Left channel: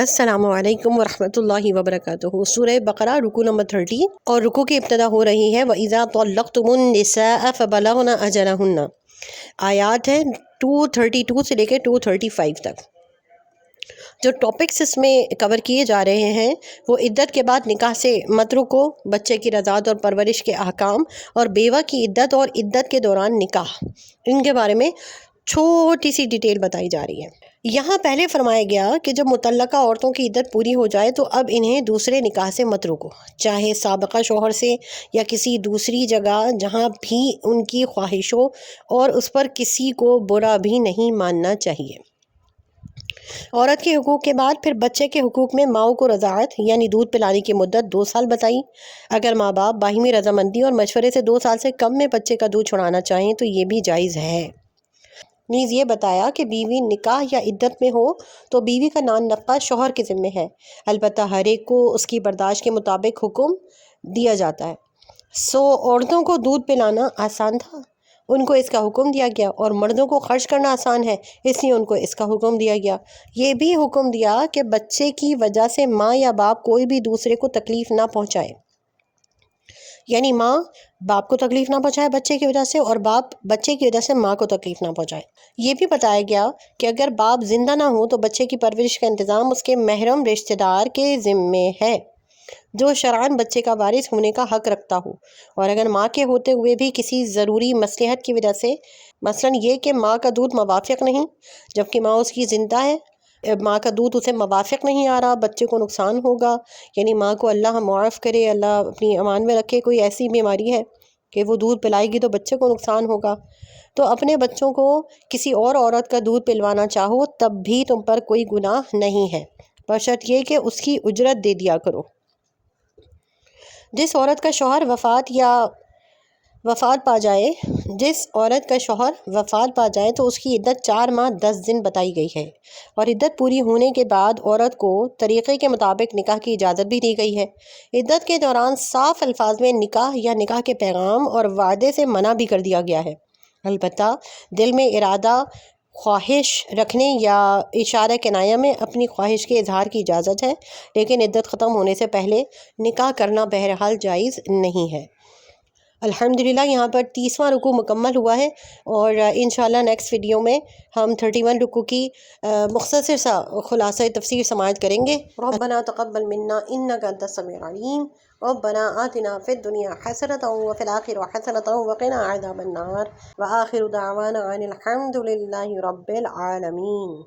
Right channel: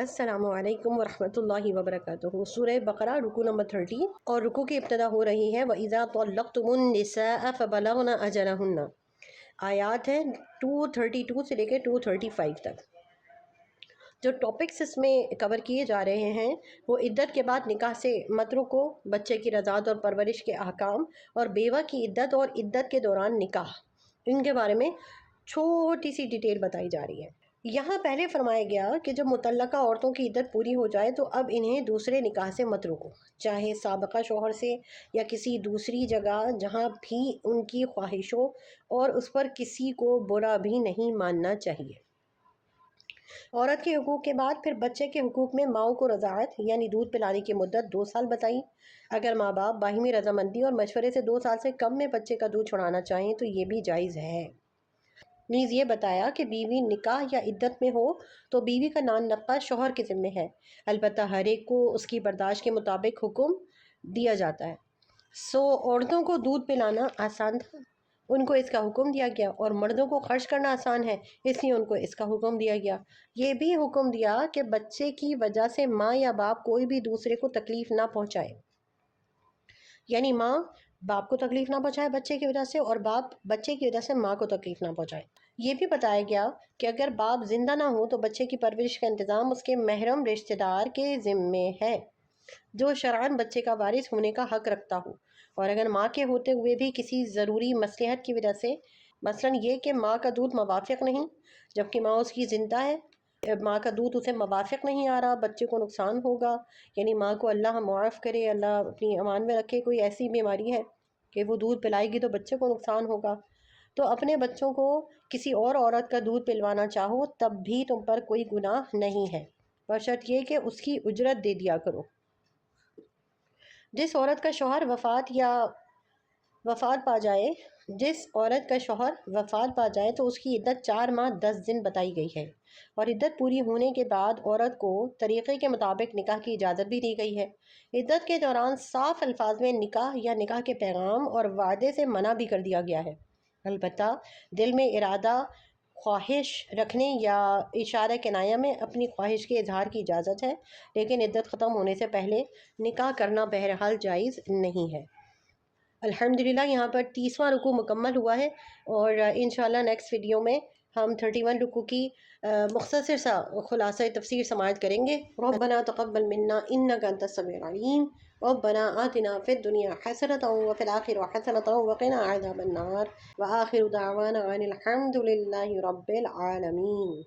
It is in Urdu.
السلام علیکم ورحمۃ اللہ وبرکاتہ۔ سورہ بقرہ رکو نمبر 30 اور رکو کی ابتدا ہو رہی ہے وَإِذَا طَلَّقْتُمُ النِّسَاءَ فَبَلَغْنَ أَجَلَهُنَّ۔ آیات ہیں 232 سے لے کے 235 تک۔ جو ٹاپکس اس میں کور کیے جا رہے ہیں وہ عدت کے بعد نکاح سے مت رکو، بچے کی رضاعت اور پرورش کے احکام، اور بیوہ کی عدت اور عدت کے دوران نکاح، ان کے بارے میں چھوٹی سی ڈیٹیل بتائی جا رہی ہے۔ یہاں پہلے فرمایا گیا کہ جب متعلقہ عورتوں کی عدت پوری ہو جائے تو اب انہیں دوسرے نکاح سے مت روکو، چاہے سابقہ شوہر سے یا کسی دوسری جگہ جہاں بھی ان کی خواہش ہو، اور اس پر کسی کو برا بھی نہیں ماننا چاہیے۔ عورت کے حقوق کے بعد پھر بچے کے حقوق میں ماؤں کو رضاعت یعنی دودھ پلانے کی مدت 2 سال بتائی۔ اگر ماں باپ باہمی رضامندی اور مشورے سے 2 سال سے کم میں بچے کا دودھ چھڑانا چاہیں تو یہ بھی جائز ہے۔ نیز یہ بتایا کہ بیوی نکاح یا عدت میں ہو تو بیوی کا نان نفقہ شوہر کے ذمہ ہے، البتہ ہر ایک کو اس کی برداشت کے مطابق حکم دیا جاتا ہے۔ عورتوں کو دودھ پلانا آسان تھا، ان کو اس کا حکم دیا گیا، اور مردوں کو خرچ کرنا آسان ہے، اس لیے ان کو اس کا حکم دیا گیا۔ یہ بھی حکم دیا کہ بچے کی وجہ سے ماں یا باپ کوئی بھی دوسرے کو تکلیف نہ پہنچائے، یعنی ماں باپ کو تکلیف نہ پہنچائے بچے کی وجہ سے، اور باپ بچے کی وجہ سے ماں کو تکلیف نہ پہنچائے۔ یہ بھی بتایا گیا کہ اگر باپ زندہ نہ ہو تو بچے کی پرورش کا انتظام اس کے محرم رشتہ دار کے ذمے ہے جو شرعاً بچے کا وارث ہونے کا حق رکھتا ہو، اور اگر ماں کے ہوتے ہوئے بھی کسی ضروری مصلحت کی وجہ سے، مثلاً یہ کہ ماں کا دودھ موافق نہیں جبکہ ماں اس کی زندہ ہے، ماں کا دودھ اسے موافق نہیں آ رہا، بچے کو نقصان ہوگا، یعنی ماں کو اللہ معاف کرے، اللہ اپنی امان میں رکھے، کوئی ایسی بیماری ہے کہ وہ دودھ پلائے گی تو بچے کو نقصان ہوگا، تو اپنے بچوں کو کسی اور عورت کا دودھ پلوانا چاہو تب بھی تم پر کوئی گناہ نہیں ہے، بشرط یہ کہ اس کی اجرت دے دیا کرو۔ جس عورت کا شوہر وفات پا جائے تو اس کی عدت 4 ماہ 10 دن بتائی گئی ہے، اور عدت پوری ہونے کے بعد عورت کو طریقے کے مطابق نکاح کی اجازت بھی دی گئی ہے۔ عدت کے دوران صاف الفاظ میں نکاح یا نکاح کے پیغام اور وعدے سے منع بھی کر دیا گیا ہے، البتہ دل میں ارادہ خواہش رکھنے یا اشارہ کنایہ میں اپنی خواہش کے اظہار کی اجازت ہے، لیکن عدت ختم ہونے سے پہلے نکاح کرنا بہرحال جائز نہیں ہے۔ الحمدللہ یہاں پر 30واں رکوع مکمل ہوا ہے، اور انشاءاللہ نیکسٹ ویڈیو میں ہم 31 رکوع کی مختصر سا خلاصہ تفسیر سماعت کریں گے۔ ربنا تقبل منا انک انت السمیع العلیم، ربنا آتنا فی الدنیا حسنۃ وفی الآخرۃ حسنۃ وقنا عذاب النار، وآخر دعوانا ان الحمد للہ رب العالمین۔